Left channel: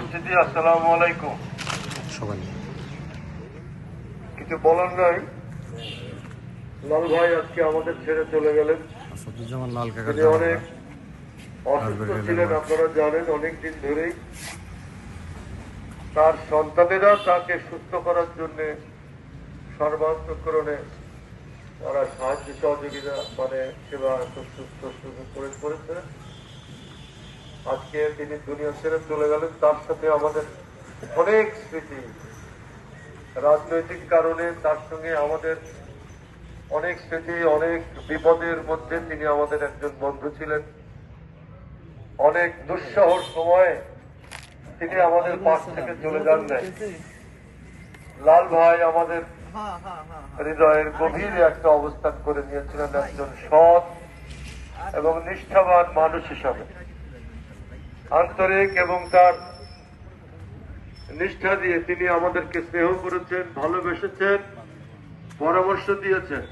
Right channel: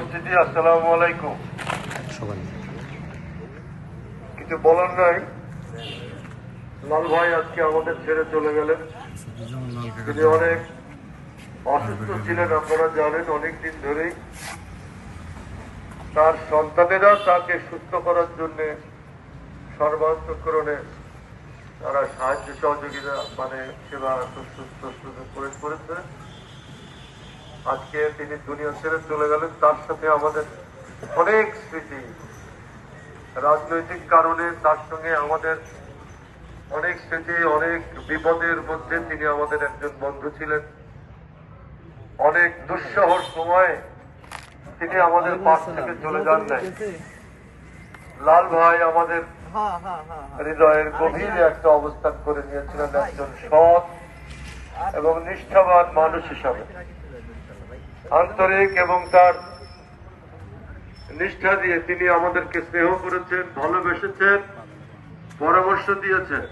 উপস্থিতি আসসালামু আলাইকুম। কিছু বলার নাই? লাল ভাই আজকে আমাদের ছেড়ে চলে গেলেন। তিনি অনেক অসুস্থ ছিলেন আপনারা জানেন অনেক দিন ধরেই। তার সন্তানেরা তাকে সুস্থ করার জন্য সর্বান্তকরণে তারা সাহায্য সহযোগিতা মানে সেবা সুস্থ করে করেছে। আজকে তিনি দুনিয়া ছেড়ে চলে গেলেন। তার সাথে আমাদের অনেক স্মৃতি। রাজনৈতিক কারণে তার সঙ্গে আমাদের অনেক স্মৃতি, অনেক বিপদের মধ্যে তিনি আমাদের একজন বন্ধু ছিলেন। অনেক দুঃসহর সময়ে তিনি আমাদের পাশ থেকে চলে যান নাই। লাল ভাই আমাদের হৃদয়ের গভীরে একটা অবস্থান করে নিয়েছিলেন একজন সৎ এবং নিষ্ঠাবান মানুষ হিসাবে। আন্তরিক এবং তার নিষ্ঠা দিয়ে তিনি আমাদেরকে স্নেহ করেছেন, ভালোবেসেছেন, পরামর্শ দিয়েছেন।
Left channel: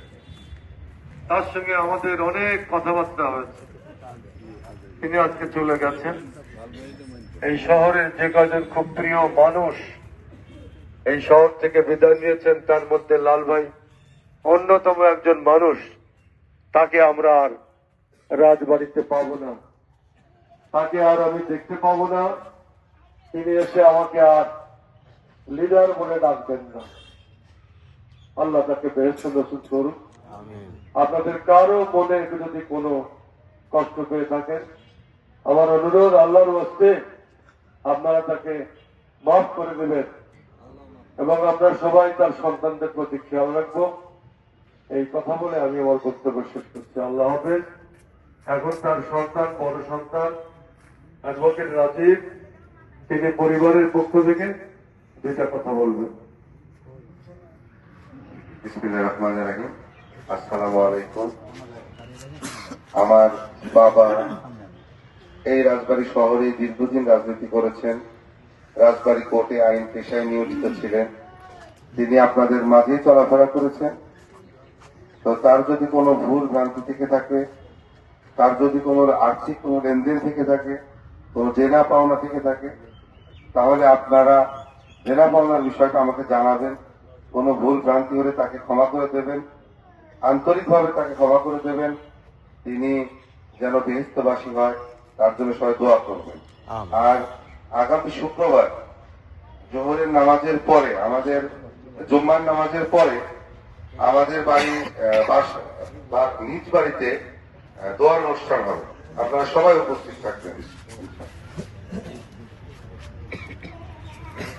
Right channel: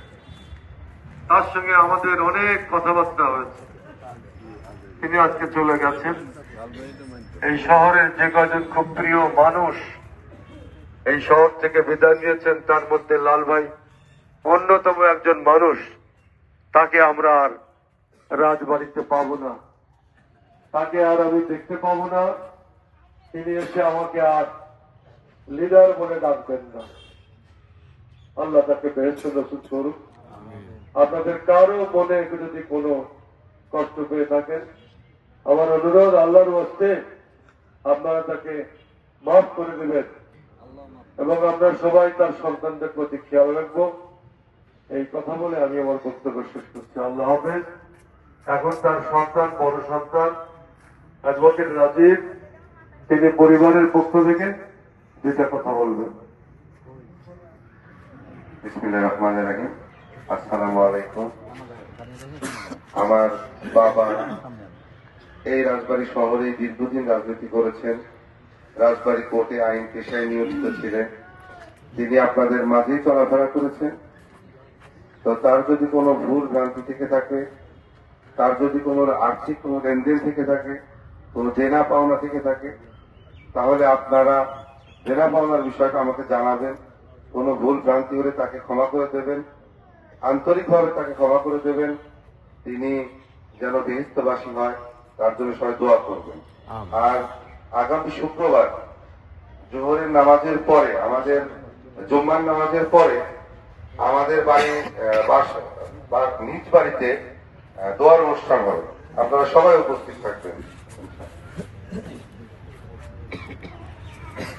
তার সঙ্গে আমাদের অনেক কথাবার্তা হয়েছে। তিনি আজকে চলে গেছেন। এই শহরের যে কয়জন খুব প্রিয় মানুষ এই শহর থেকে বিদায় নিয়েছেন, তার মধ্যে লাল ভাই অন্যতম একজন মানুষ। তাকে আমরা আর রাজবাড়িতে পাবো না। তাকে আর আমি দেখতে পাবো না। তিনি এসে আমাকে আর লিডার বলে ডাকবেন না। আল্লাহ তাকে বেহেস্ত নসুদ করুক। আপনাদের কারও মনে যদি কোনো কষ্ট পেয়ে থাকেন আমার অনুরোধ আল্লাহর হস্তে আপনারা তাকে মাফ করে দেবেন। এবং আমরা সবাই তার সন্তানদের প্রতি খেয়াল রাখব। এই কথা বলে আমি আমার বক্তব্য শেষ করছি। আল্লাহ হাফেজ। এখন তার সন্তান বড় সন্তান। অ্যাডভোকেট রাজীব, তিনি পরিবারের পক্ষ থেকে দুইটা কথা বলবেন। আমার বাবা এই রাজবাড়ি শহরে দীর্ঘদিন রাজনীতি করেছেন। রাজবাড়ি কোর্টে আইন পেশায় নিয়োজিত ছিলেন। তিনি আপনাদের মাঝেই চলাফেরা করেছেন। তো তার যদি কোনো ভুল ভ্রান্তি থেকে থাকে, তার যদি কোনো আর্থিক কোনো লেনদেন থেকে থাকে কোনো জেনা পাওনা থেকে থাকে। তাহলে আপনারা জেনা পাওনার বিষয়টা আমাকে জানাবেন। কোনো ভুল ভ্রান্তি হলে তাকে ক্ষমা করে দেবেন। আন্তরিকভাবে তাকে ক্ষমা করে দেবেন। তিনি যেন বেহিস্তবাসী হয় তার জন্য সবাই দোয়া করবেন। আর আগামী শুক্রবার জোহরের নামাজের পরে আমাদের জুম্মার নামাজের পরে আমাদের বাড়ি নিজ বাড়িতে দোয়ার অনুষ্ঠান হবে। আপনারা সবাই উপস্থিত থাকবেন।